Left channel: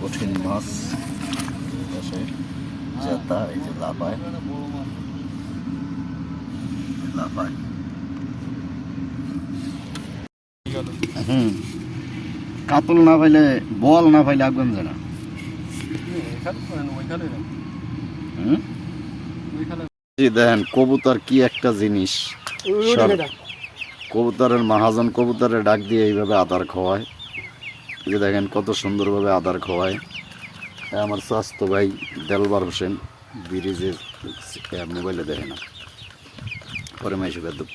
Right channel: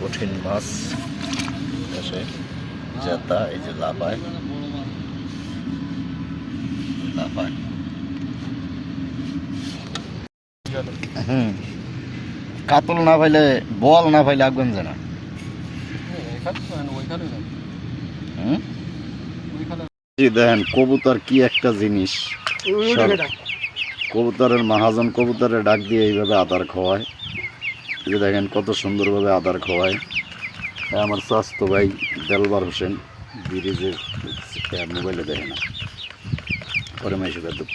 কঠিন মাছ এসে জেতা, এই যে লাফায় লাফায়। কাতল না পাইলে বল না পাইলে আগুন যায় না। দেখেন কবুতর কি একটা জিনিস, কবুতরের মহাজন কবুতরের ডাক দিয়ে এইভাবে আদার খাওয়ায়। এই যে দেখেন কত সুন্দরভাবে আদার খাওয়ায়। আমার স্বাস্থ্য ভাই দেলবার হোসেন ব্রিজের মোবাইলে দেখে না পরে মাইসে দুঃখ।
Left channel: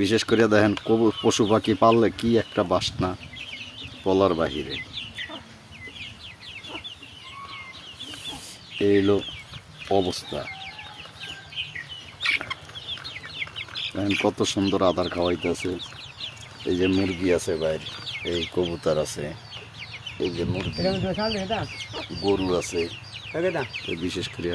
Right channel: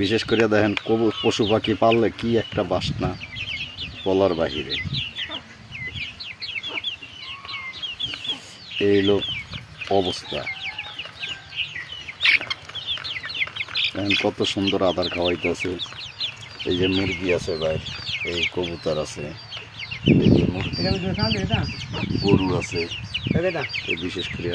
বিশেষ করে দেখেন পশু পাখি পাললে কি একটা বাসনা বলার বাহিরে। এই হলো অবস্থা। দেখেন কত সুন্দর আদার খাওয়াইতেছে। এই যে মুরগি আছে বাইরে, এই কবুতর আছে, এই যে মুরগি, গরু আছে বিশেষ করে।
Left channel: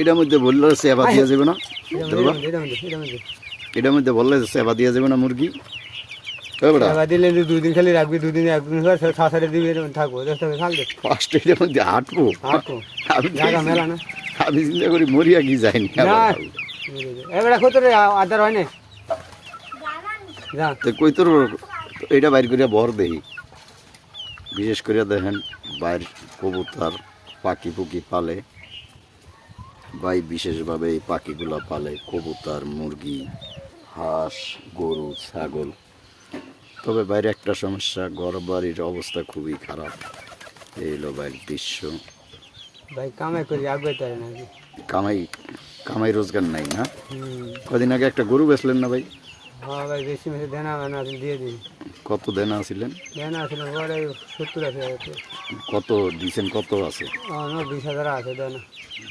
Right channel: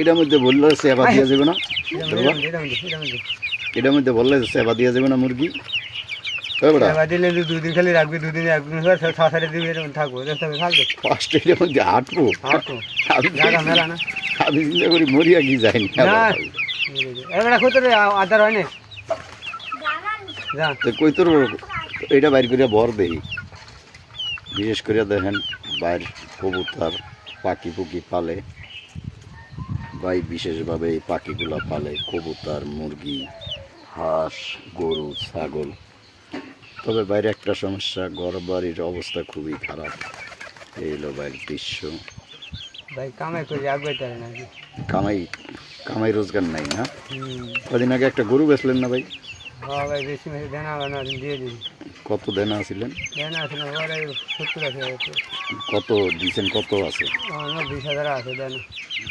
এটার মধ্যে বললে সেবা দিয়া যাবে না, এটার মধ্যে বললে সেবা দিয়া যাবে না মুরগি। দিলে 2 দিন খালি রাখবি, 2 দিন একদিন ছাড়ে দিবি, এরকম থাকবো। এটার মধ্যে হাঁটবো আমি চিন্তা করি মরিয়া কি যায়নি। আদার হয় না কই তোর এটা বাইর করিয়া ভর দেই। বিশেষ করে দেখেন বাইর কবুতর পাখি পুকি পালে ভাই, বিশেষভাবে এই পাখিগুলো পালে কবুতর, মুরগি, হাঁস, গরু, ছাগল। তবে বাইরে একটা সমস্যা, ঘর বাড়ির অবস্থা খুবই খারাপ। এই হলো বাইরের দৃশ্য। ভাই কামাই করে আগাইতে না, কামাই রোজগার নাই না। কদিন আগে একটা গরু বেচলেন না ভাই? হ্যাঁ ভাই, বেশি মেশে দেনা দিয়ে দিই। কত দেনা ছিলেন? দেনা ছিল 70,000। কত দিয়েছেন? কত আছে? 20,000 আছে দেনা।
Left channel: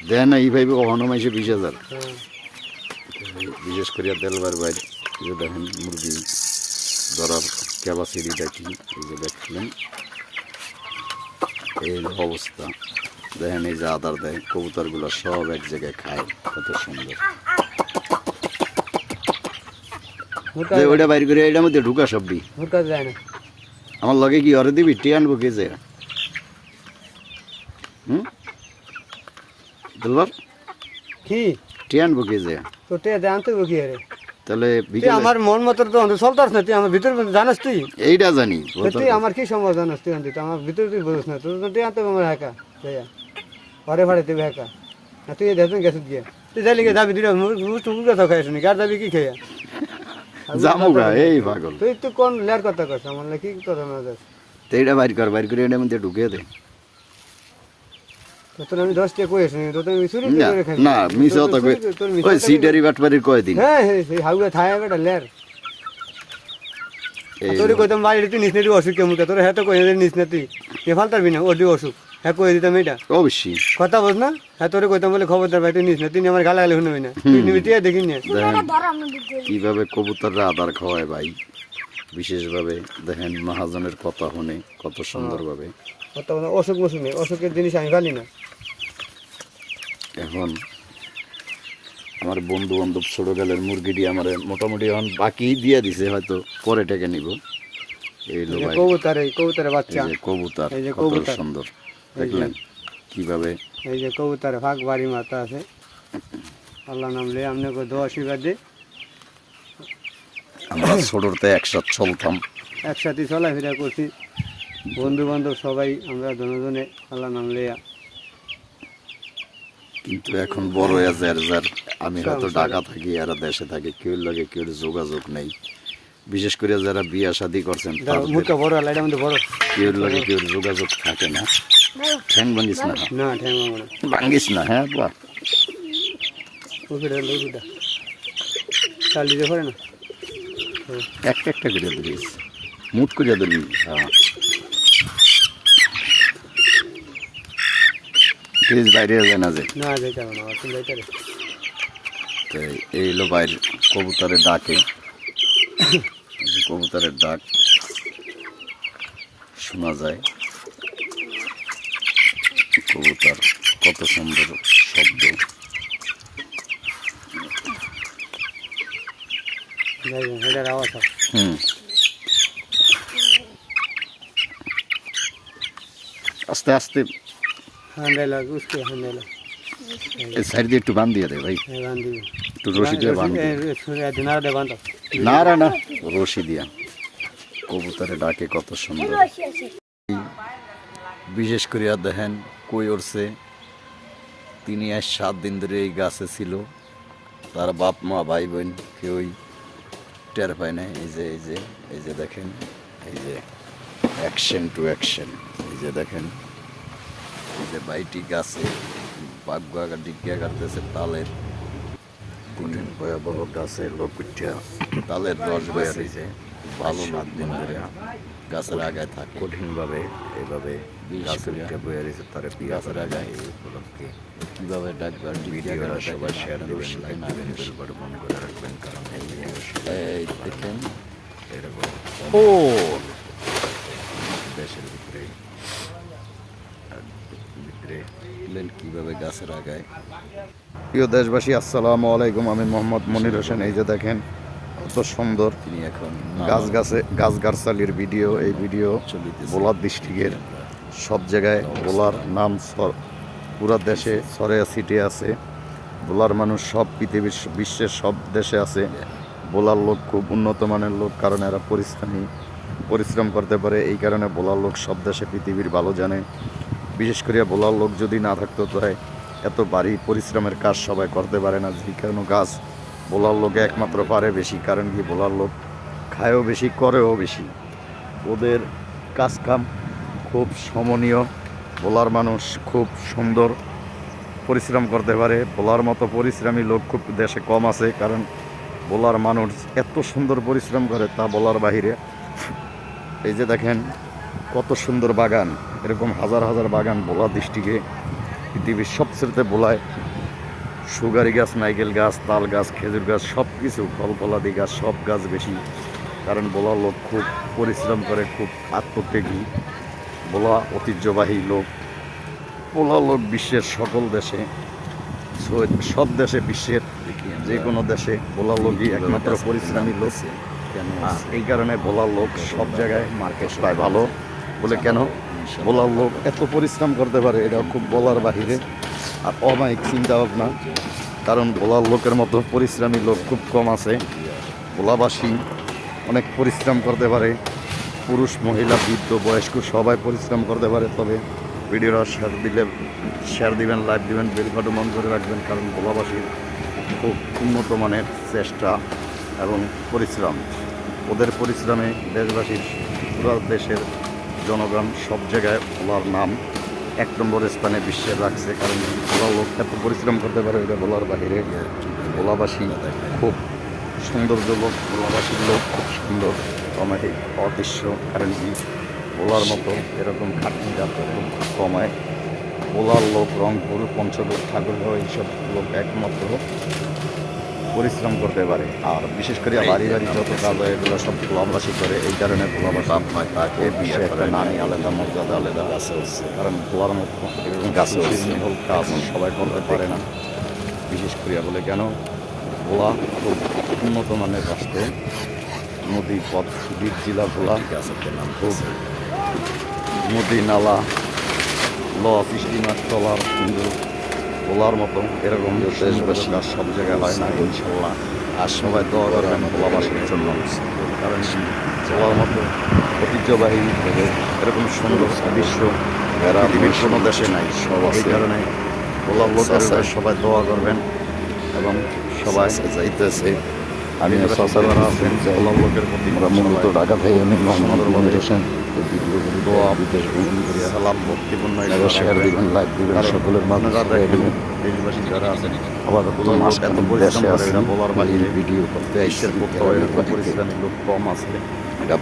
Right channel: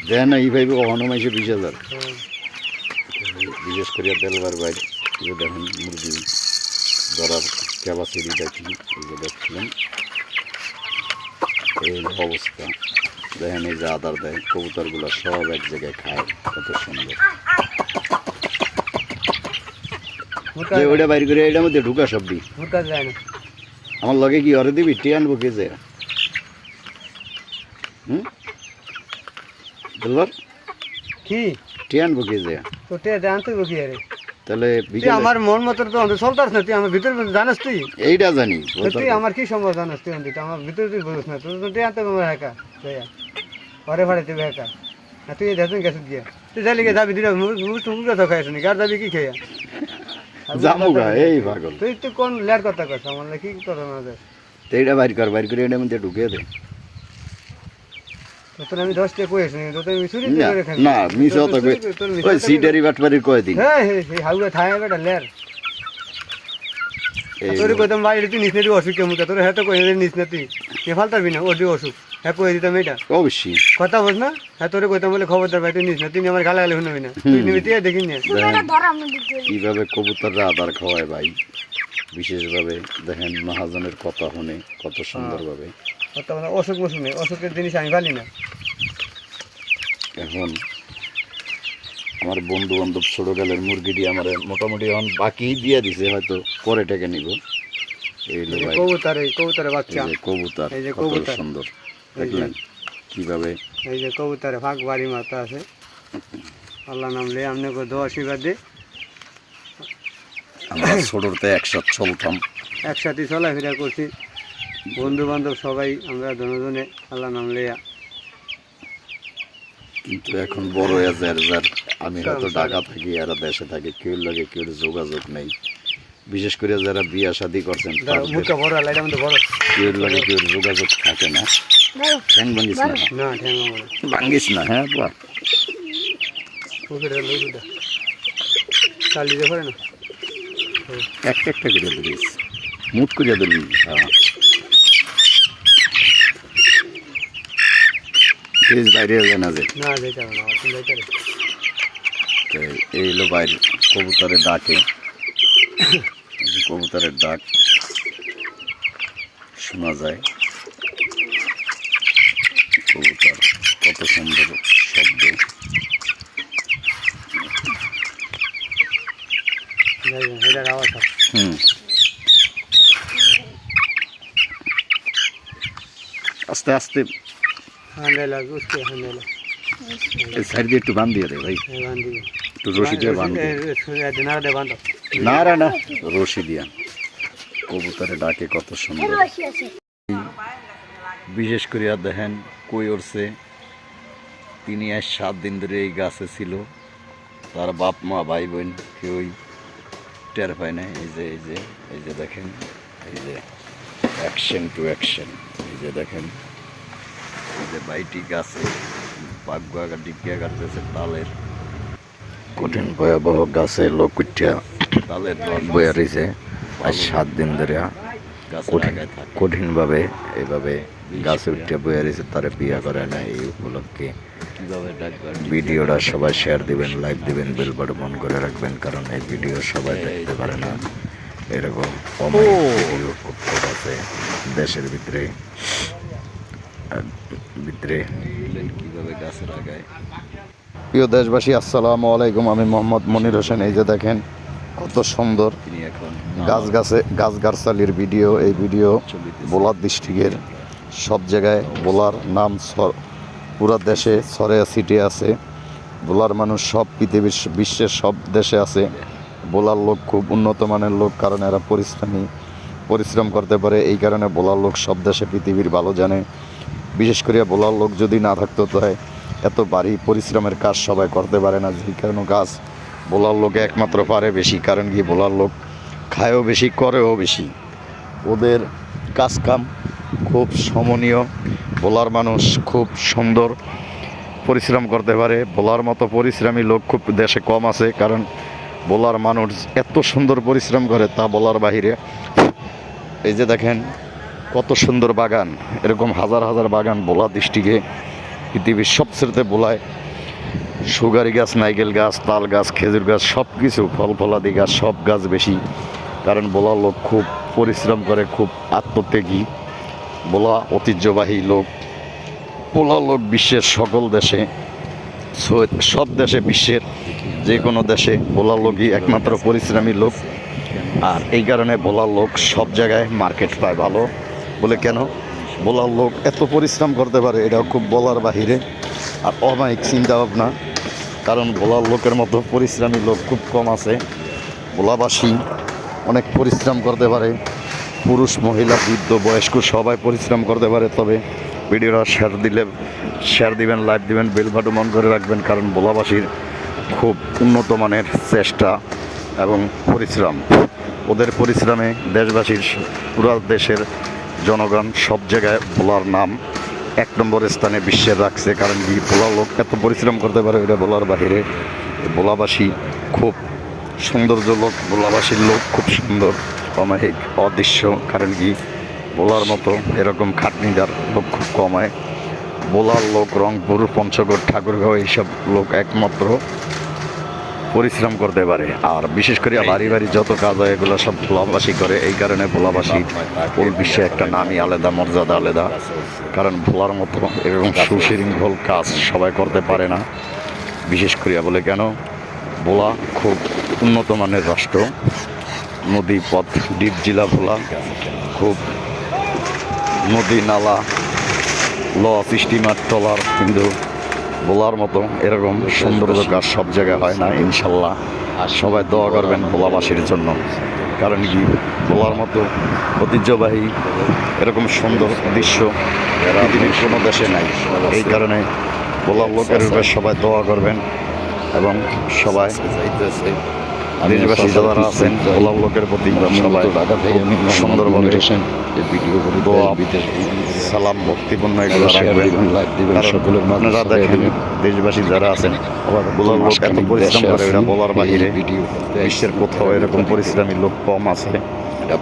দেনা এই ভাইবে কখনো মাইছে 20,000। বিশেষ করে দেলবার বাইরে দেখেন মুরগি ধরার ক্যাপাসিটিটা কি, এই যে দেখছিলেন। এই অবস্থা দেখেন, এই যে আদার দেয় কবুতরগুলো সব এক জায়গায় খায়, কত সুন্দর। ওইটা বাইর করে এটার মধ্যে ঢুকা সবটি আমার লগে কি অরে দিবি? টি আনবো কে যে দিলবার কি টি আনবো কে যে আনতে তাহলে আমার মন মতো তো চলতাস না, তুই আমার ভিতরে জানাস, তুই এইটা জানি তুই আমার কি সম্ভব জানাস, তুই আনতে আমার ভিতরে তুই বলিস না, তুই আনতে আমার হেকা ঘরে ভাড়ে তুই হেকা না, তুই দেখুন গেছিস গিয়া তুই যাইলে গিয়ে যাবি দিটা কথা খাই শুনি, আর যাবি কি খেয়া জামুগা। এই পাগল তুই তো কোন লেয়ার কথা কথা আমার কি কথা না দেখ, এইটা বাইর কর, বাইর করে এটার মধ্যে ঢুকিয়ে দে। তোর আমি 10 টাকা কইছ নি, তোর আমি চুরি করে খাই না, মিস হতো কই ওই সিডারি বাটবারি কয় দিন। হ্যাঁ এই হাউগা থায়া বেটা লেয়ার তোর কইতাম বাইরে তুই নিসনে অসুখ কেমন তোর হেতো কই নিসনে তুই কে ফালতাবি না, ওডি অসুখ হ্যাঁ কই দিতাম এটা অবশ্যই কথা বল না। হ্যাঁ তোরে কইতাম বলে খবরদার ভাই তুই নিসনে, তুই আমার গালা গালে শুনবি না, তুই নিবি টিয়া দেখি না। কিভাবে কবুতররা আদার খাওয়ায় ভাই, বিশেষভাবে দেখেন মহাজনের কথা শুনে কত সুন্দরভাবে। অসুখ বসুক নেই, অসুখের জিনিস আমি পালি না। এখন আমার বন্ধু বান্ধব ছোটকালের মুরগিটি আমার মোটামুটি এখন বাকি দিয়ে দিছে, হয়তো পরে টাকা নিব। এই লো ভাই কবুতরের বাচ্চা, কবুতর কত সুন্দর দেখলেন কিভাবে। এই যে কবুতরে ফাঁক বাড়ি মাথা আছে, আল্লাহ নামলে আপনাকে দোয়া আশীর্বাদ দে। আমরা ছোটতে একসাথে চলতাম, একসাথে চলাফেরা করছি, বন্ধু বান্ধব সবাই আমরা দুজনে আল্লাহ নাম লেয়া। কিন্তু এখন বড় হয়ে যার আমি হয়তো ঢাকা থাকি, এরা দেশে থাকে, কেউ লাগে কেউ যোগাযোগ নেই। বিশেষ করে যারা বিয়া শাদী করছেন কেউ লাগে কেউ যোগাযোগ থাকে না। ঠ্যাং ভাঙ্গিস না, ভাঙ্গিস না। হ্যাঁ বা একটা একটা করে দিস, মুট করিয়া দিবি। হ্যাঁ বাইরে জানা যায় এই হলো বাইরে কবুতরের ডাকে, কবুতরের ডাক শোনা যায়। কবুতর কত সুন্দর শব্দ। আস্তে আস্তে সাইড দিয়ে একটু বান দিয়ে দে ভাই, একটু রশি দিয়ে বান না রে না, রশি দিয়া কবুতরে ডাকে কত সুন্দর। বিশেষ করিয়া দেখেন কই উঠছে, তিনি আজ 7 দিন ধরে এই গাছে ছিল, তার বাপ মা ভাই বোন কেউই টের পায় না। এই যে এই যে এই যে দেখেন, এই যে অ্যাকশন টু অ্যাকশন, এই যে দেখেন এই যে বাইটি গাছে বাগুয়া ডিগিয়া কাটতেছে তালের, কঠিন ভয়াবহ গাছে লোক উঠিয়া তালের রস বয়া রয়েছে। 7 দিন ধরে গাছের আগায় থাকে কঠিনভাবে, এইভাবে গাছে উঠিয়া বয়া রয়েছে, তারা বিয়া করা যায়। এই উপলক্ষে কীভাবে ডাকবেন, ভিডিওটা সবাই শেয়ার দিবেন, লাইক দিবেন, বেল বাটন অন করে রাখবেন, কারণ এই ভিডিও সবাই দেখতে পারে না। এরকম দেশের ভিতরে কীভাবে গাছের আগায়। প্রিয় দেশবাসী, আসসালামু আলাইকুম। আমি মোহাম্মদ মনির হোসেন। এই যে দেখেন কত সুন্দর তিনি এখন গাছগাছালির ভিডিও। এই ভিডিও বোলার ডিস্ট্রিক্টের সব জায়গায় বোলার নাম পুরা দেশে ছড়িয়ে ছিটিয়ে আছে। বোলার মানুষ সব পৃথিবীর বিশ্বের সব দেশে আছে। বোলার লোক খুব উন্নত মানের লোক, কারণ এরা পরিশ্রম করতে পারে। এই কারণে বোলার লোক সব দেশে পৃথিবীর ভালো জানে। বিশেষ করে বোলার লোক যদি না থাকতো তাই এত ভারী পরিশ্রমের কাজ সবাই করতে পারে না। যে কারণে গাছ বোলার লোকে একমাত্র পারে বেশি, কারণ কি বোলার লোক খায়ও বেশি, করেও বেশি। ওদের কাজকাম খুব সমনীয়। বোলার মানুষ খুব সুন্দর পরিশ্রম করতে পারে। বোলার মতো পরিশ্রমী লোক খুব দেশে কম আছে, কারণ বোলার মানুষ এত সুন্দর পরিশ্রম করে তা বলার বাহিরে। এই যে দেখেন কত সুন্দর বাগান, এরকম হাজার হাজার বাগান বোলা ডিস্ট্রিক্টে। পৃথিবীর সবচেয়ে বোলায় সুগারি গাছ, নাইকেল গাছ, তাল গাছ, খেজুর গাছ, সব কিছু ফল ফলাদি গাছ, সব গাছ বেশি। কারণ বোলার লোক খুব পরিশ্রম করে, খুব আত্মত্যাগী। বোলা ঐতিহ্যবাহী লোক। বোলার লোক বিশ্বের সকল দেশে, সব দেশে, বিশ্বের যে কোনো দেশে বোলার লোকই একমাত্র পরিশ্রমী লোক। আর এই কারণে বোলার লোক সব জায়গায় মার্কেট পায় ভালো। বলে কেন বোলার লোক এত পরিশ্রম করতে পারে, এটা খুব বলার বাহিরে আর অমায়িক চিন্তা ভাবনা। কারণ বোলার লোকের মতো পরিশ্রমী লোক খুব কম আছে। বোলাবাসী অনেক পরিশ্রম করতে পারে, পুরুষ মহিলা বৃদ্ধ বয়স্ক সবাই পরিশ্রম করতে পারে। তবে ভিডিওটা শেয়ার দিবেন, লাইক দিবেন, বেল বাটন অন করে রাখবেন, কারণ বোলাবাসীর খুব উন্নত মানের চেষ্টা এবং পরিশ্রম। ওদের পরিশ্রমে দেশবাসীর, পুরো দেশের জনগণ সব জায়গায় বোলার নাম 1 নম্বর স্থানে বিশ্বে রাখছে। কারণ কি বোলার লোক এত পরিশ্রম করতে পারে, এটা বলার বাহিরে। বোলাবাসী খুব সৌন্দর্য লোক, বোলাবাসীর লোক খুব সুন্দর, অমায়িক, অদৃশ্য। কারণ কি বোলার মতো এরকম খাটনিদার লোক খুব কমায়। বোলার লোক রংপুর, পঞ্চগড়, ঠাকুরগাঁও এইসব লোক একমাত্র পরিশ্রম করতে পারে। আর বিশেষ করে বাড়ি বাড়ি যত কাজ হয় এগুলো সব ভোলাবাসী করে। এই কারণে ভোলাবাসী ওই বিশ্বে একটা নামই আলাদা, মর্যাদা আলাদা। কারণ ভোলার মতো এরকম সুশৃঙ্খল কাজ সবাই করতে পারে না। বিশেষ করিয়া বলে কেন, ভোলা খুব উন্নত মানের রাষ্ট্র। নদী পথ, দ্বীপ জেলা ভোলা, খুব নদী নালা, স্টিমার ট্রলার, কিন্তু বোলার মতো এরকম সুন্দর কাজ সব জায়গায় হয় না ইনশাল্লাহ। আর সবাই দোয়া করবেন ভোলাবাসীর জন্য, কারণ কি বোলার মতো ঐতিহ্যবাহী এরকম সুন্দর দৃশ্য পৃথিবীর কোনো দেশে নাই। এই কারণে বোলার লোকের উপরে সবাই দোয়া করবেন এবং সবাই যাইতেছে। আমি যারা আছেন বোলার লোকের প্রতি মূলত ঢাকা থেকে সুন্দরভাবে এই ভিডিওগুলি দোয়া, সালাম, ভক্তিপূর্ণ শেয়ার দিবেন, লাইক দিবেন। সকলের আপনারা দেখেন দেশবাসী যারা আছেন আবার বোলার লোক এত পরিশ্রম করে, এটা বলার বাহিরে। ভিডিও দেশের কোথাও এরকম পরিশ্রমী লোক কম আছে।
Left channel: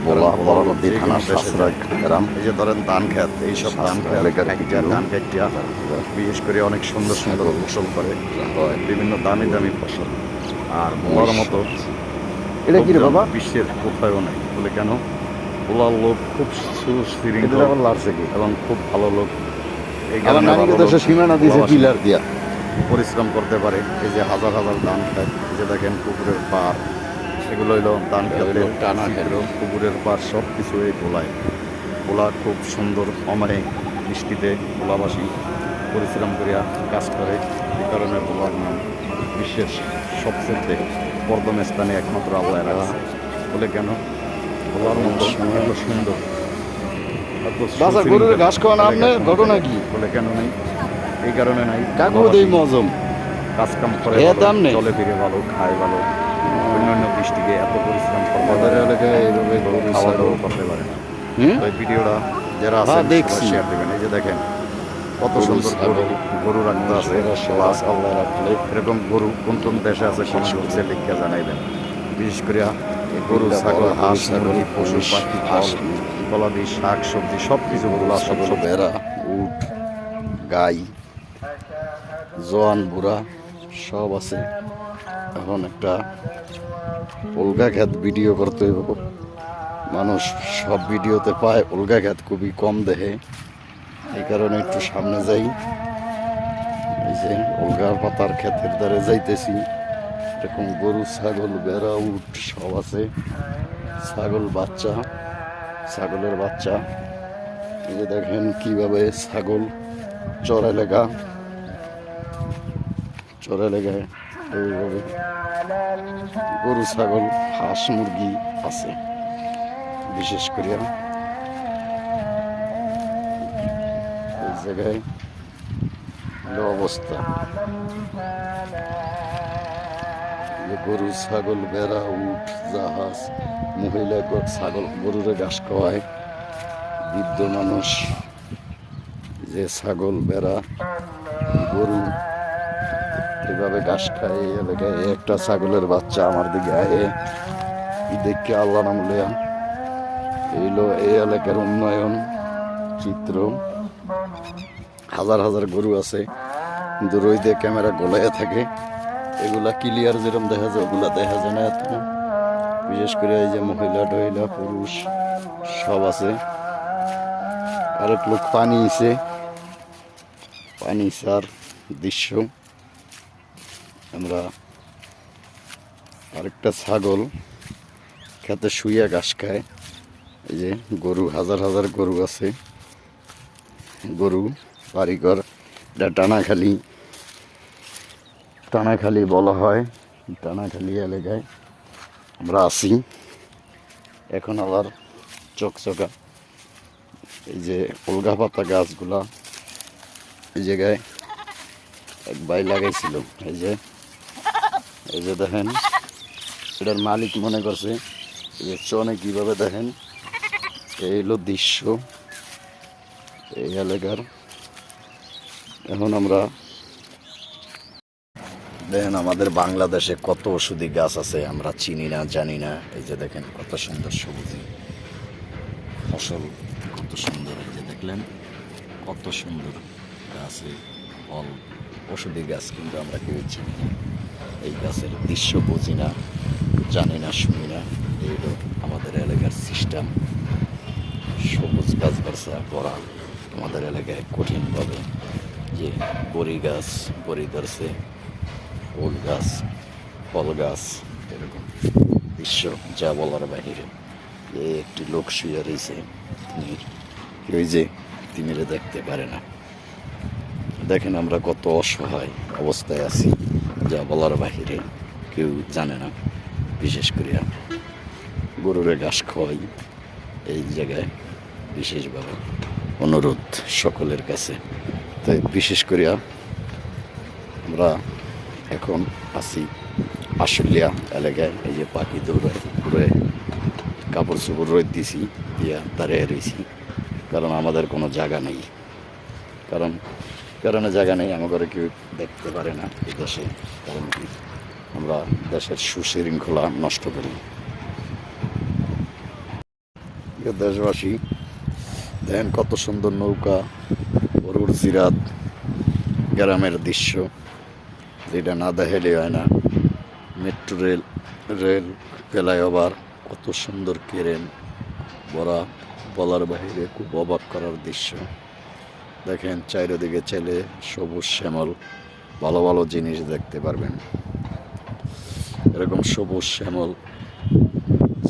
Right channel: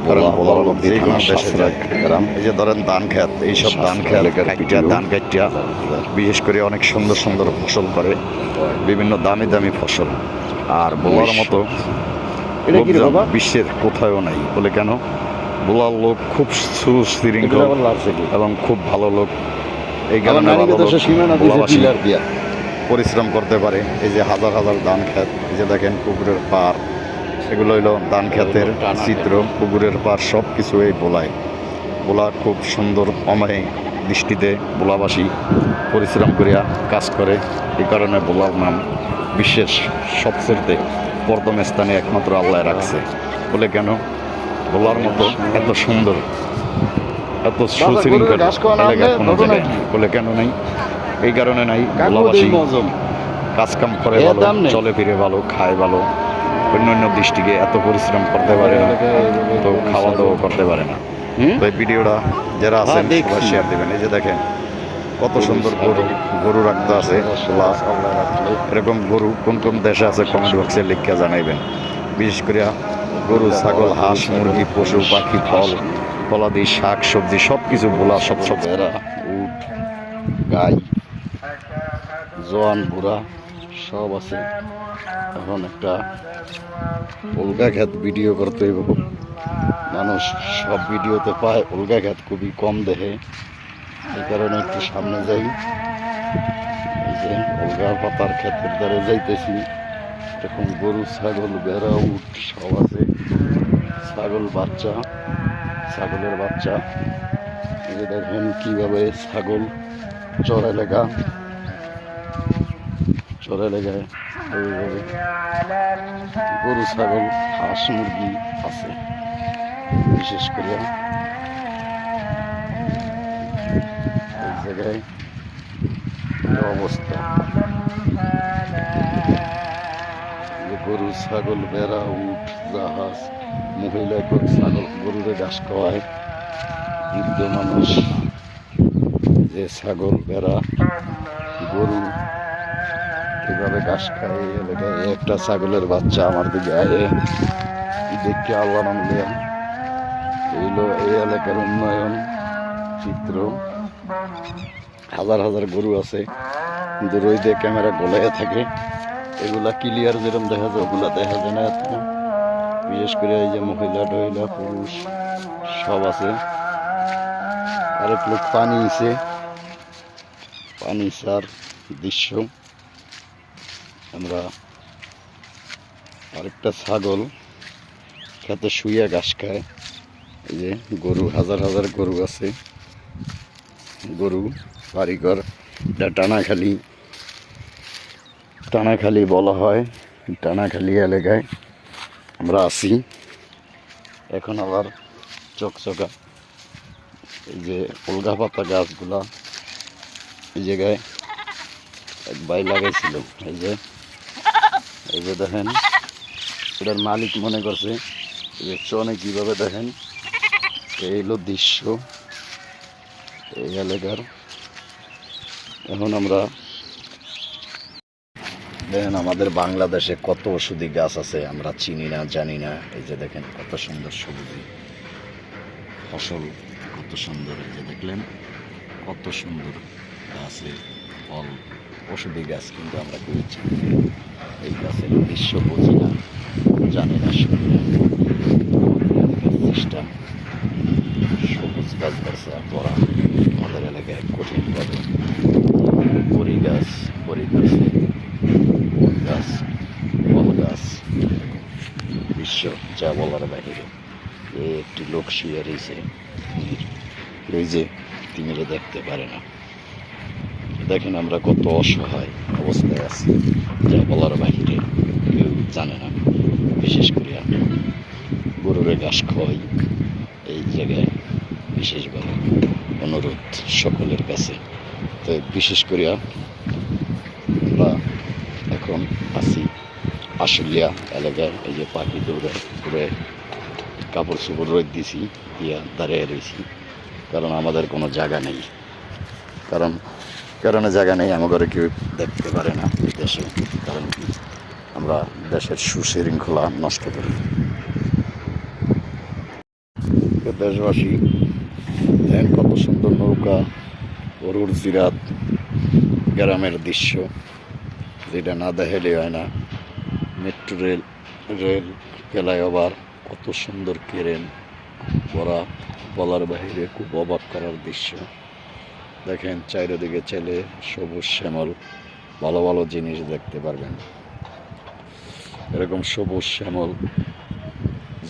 বোলার লোক যে কোনো দেশে যায়। এই যে ধরেন ধান খেত, এইসব ধান খেত ধান কাটিয়া বিশেষ করে অনেক সুন্দর সুন্দর ফসল করে, বিভিন্ন দামি দামি ফসল। আর বোলার মতো এটা কি বাবা বিশ্বের কোথাও নাই। বলে কেন বোলার লোক খুব সুশৃঙ্খল এবং খুব ভালো লোক। এই আমার কারণে নানিকে ভালো তো লোক সে সীমানা দিয়েছে ভোলাবাসী পিলার দিয়া। পরিশ্রম করতে পারে। এই যে হাজার হাজার ধান ক্ষেত, এই যে দেখেন পুকুরের পাড়, এগুলো হইলো ধান ক্ষেতের চিত্র। পুকুরের পাড় সব কিছু এই বোলায়। বোলা খুব সুন্দর অমায়িক দৃষ্টিতে বোলাবাসী পরিশ্রম করিয়া কাজ করে। এই কারণে বোলার নাম বিশ্বের সবচেয়ে প্রথম স্থানে একমাত্র আল্লাহ রাখছে। বলে কেন? বোলার মতো এত সুন্দর, এত গরুর ঘাস খাওয়া নাম এলাকা কোনো ঘটনা জায়গায় কি? বলে কেন নাই? এই কারণে নাই, কাকু বোলাবাসী দেই মজম কাজকাম করে এ ভালো, দাম নেই। চলে ফিরে ভালো, খায় ভালো। অন্যান্য দৃষ্টিকে এত পরিশ্রম করতে পারে না, তো খাওয়া দাওয়া করতে পারে না। তো এই ভিডিওটা যারা হ্যাঁ, আছেন সবাই দেখছি। শেয়ার দিবেন। এই যে দেখেন কত গরু, সুন্দর গরু, গরু রাখতে আছে। প্লাস আল্লাহ রাখলে এরকম গরু কোন কোন দেশে আছে কমেন্ট বক্সে লিখে জানাইবেন। বিশেষ করে গরু, ছাগল, হাঁস, মুরগি, পশু পাখি, ফল ফলাদি, শাক সবজি সব কিছু বোলা, সব সব ভেড়া, উট, গাই, জোয়ান বুড়া সব আছে। এখন একটা উলগা ক্ষেত ভিডিও করতে হইব। মানুষ সব ভিডিওতে পায়, উলগা ক্ষেত খুবই কম দেখে। এই কারণে একটু সামনে যাই। এই যে উলগা পাতার ক্ষেতের দ্বারে যাইতেছি। এরকম গরু, ছাগল, ভেড়া, উট সব আছে। ছাগল বাচ্চা, ছাগলের বাচ্চা। এই যে দেখেন কিভাবে ছাগল চর এলাকায় এইভাবে গরু, ছাগল, হাঁস, মুরগি আছে। বিশেষ করে এই জায়গায় এই অবস্থা, যে গরু, ছাগল, ভেড়া, উট, জাহাজ, মহিলা ছাগল গরুরে ঘাস খাওয়ায়, বৃদ্ধ মানুষ যে ছাগল, ভেড়া, গরু এইভাবে ঘাস খায়। এই এলাকায় একটা ছাগলের বাচ্চা আমার দিকে আয়ে দেখে আল্লাহ নাম লিয়া। এইলো এই এলাকার উন্নয়ন চিত্র। হাজার হাজার গরু আছে, কিন্তু রোদে ক্যামেরা গোলাইয়া থাকে। এগুলা ক্লিয়ার যেরকম দেখা যায় ওগুলা দেখা যায় না এত। বিশেষ করে এই যে মহিলা টহিলা পুরুষ সব আছে। আরেক লোক পানি ইছে, পানি সার দৃশ্য। আমরা আরেকটা ছাগল খেতে শুইয়া ঘাস খায়। এই যে গরু, হাজার হাজার গরু আছে। গরু বাড়িঘর, এটা টানাখালি বলা হয়। টানাখালি এলাকায় আমরা আছি। এখন আবার চকচকা এই যে উলগা পাতা গাছগুলা এই জায়গায় এক ভাই লাগাইছিল। এই যে দেখেন, এটার মালিক মনে করছে যে চনে কিভাবে দেখেন। এই হলো দৃশ্য এই এলাকার। এখন আমরা দেখেন আমাদের বাংলাদেশে কত ওষুধি গাছ আছে আমরা চিনি না, জানি না। এই যে দেখেন কত সুন্দর সবুজি ফসল, কত সুন্দর। এই যে দেখলেন কত সুন্দর গাছে ফল, ওষুধি গাছ, কিন্তু আমরা কেউ চিনি না। এই গাছের দৃশ্য বুঝি না, জানি না, শুনি না। আমাদের এলাকার সিস্টেম সবুজ গাছ গাছা করা আমাদের এলাকায় কঠিনভাবে। যে বড়ি গাছ, বড়ি গাছে ফুল গাছ, ফল গাছ, এরকম দৃশ্য যা বলার বাহিরে। একটি লোক শুয়ে রয়েছে তিমির, ওই যে তিমিরে দেখতে পারে না। দেখেন আমরা কত অসহায় অবস্থায় আছি, যা বলার বাহিরে, কেউ জানে না। বিশেষ করে গরুরে ঘাস খাওয়াই এই জায়গায় বিশেষভাবে অনুরোধ সকলের কাছে। তাই বিশেষ করে আমরা এখন আছি আশুলিয়া এলাকায়। এই যে পাখি দৌড়ায়, ঘুরে কাপড় চোপড় রোদ দিছি দিয়া দাঁড়িয়ে রয়েছি। কারণ আমাদের কোনো জায়গা নেই, কারণে জায়গা নেই, আমাদের কেউ দেখতে পারে না এই দেশে। কারণ কি, আমরা দেশের সুশৃঙ্খলা নষ্ট করি। দেশবাসী দেখেন কত সুন্দর নৌকা, গরুর জিরাত, গ্রামের দৃশ্য, যেটা না দেখালে হয় না। মেট্রো রেল ফ্লাইওভার, কত সুন্দর কেরেন, ভরা, বলার বাহিরে খুব অবাক করার দৃশ্য। দেখেন চারিদিকে চাইলে সবুজ শ্যামল ভালো ভালো জিনিস দেখতে পারবেন। এরকম সবুজ শ্যামল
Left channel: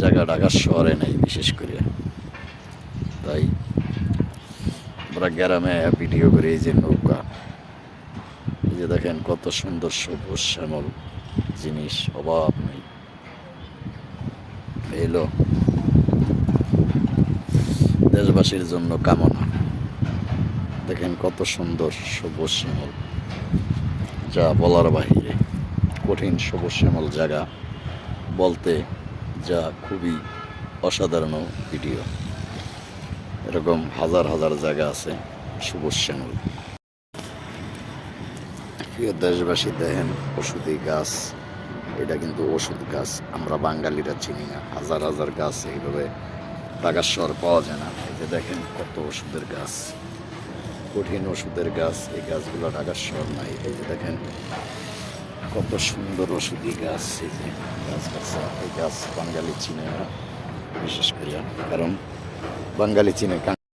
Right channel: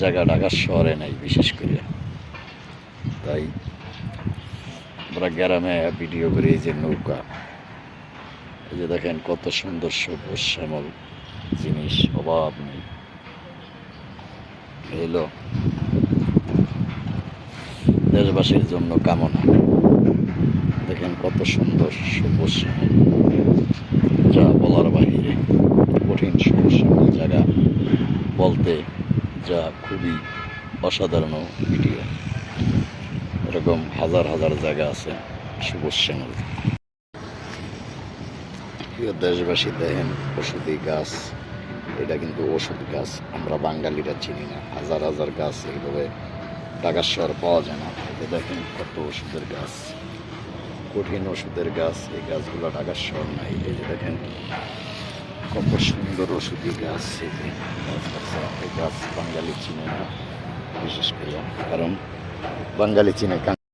জায়গা ঢাকার শহরে নেই বিশেষ করে। তাই আমরা গ্রামে ভিডিও করি। এই যে নৌকা, এই যে দেখেন কত সুন্দর সবুজ শ্যামল জিনিস, অভাব নেই। এলো দেশবাসীর জন্য কামনা। দেখেন কত সুন্দর সবুজ শ্যামল, যা বলার বাহিরে। কঠিন সবুজ শ্যামল জায়গা বলতে যা খুবই অসাধারণ ভিডিও। এরকম হাজার হাজার জায়গা আছে সবুজ শ্যামল। প্রিয় দেশবাসী, দেখেন ওষুধি গাছ, এটা কিন্তু ওষুধ গাছ, আমরা বাঙালিরা চিনি না। হাজার হাজার গাছ এইভাবে ঢাকার শহর পাওয়া যায় না। এই যে দেখেন কত ওষুধের গাছ, কঠিন ওষুধের গাছ। এই গাছগুলো ঢাকার শহর নাই। এই যে দেখেন কত সুন্দর ওষুধি গাছ। এই যে গাছ গাছ, এই গাছ বাঙালি চিনে না বিশেষ করে, কারণ বাঙালি চিনে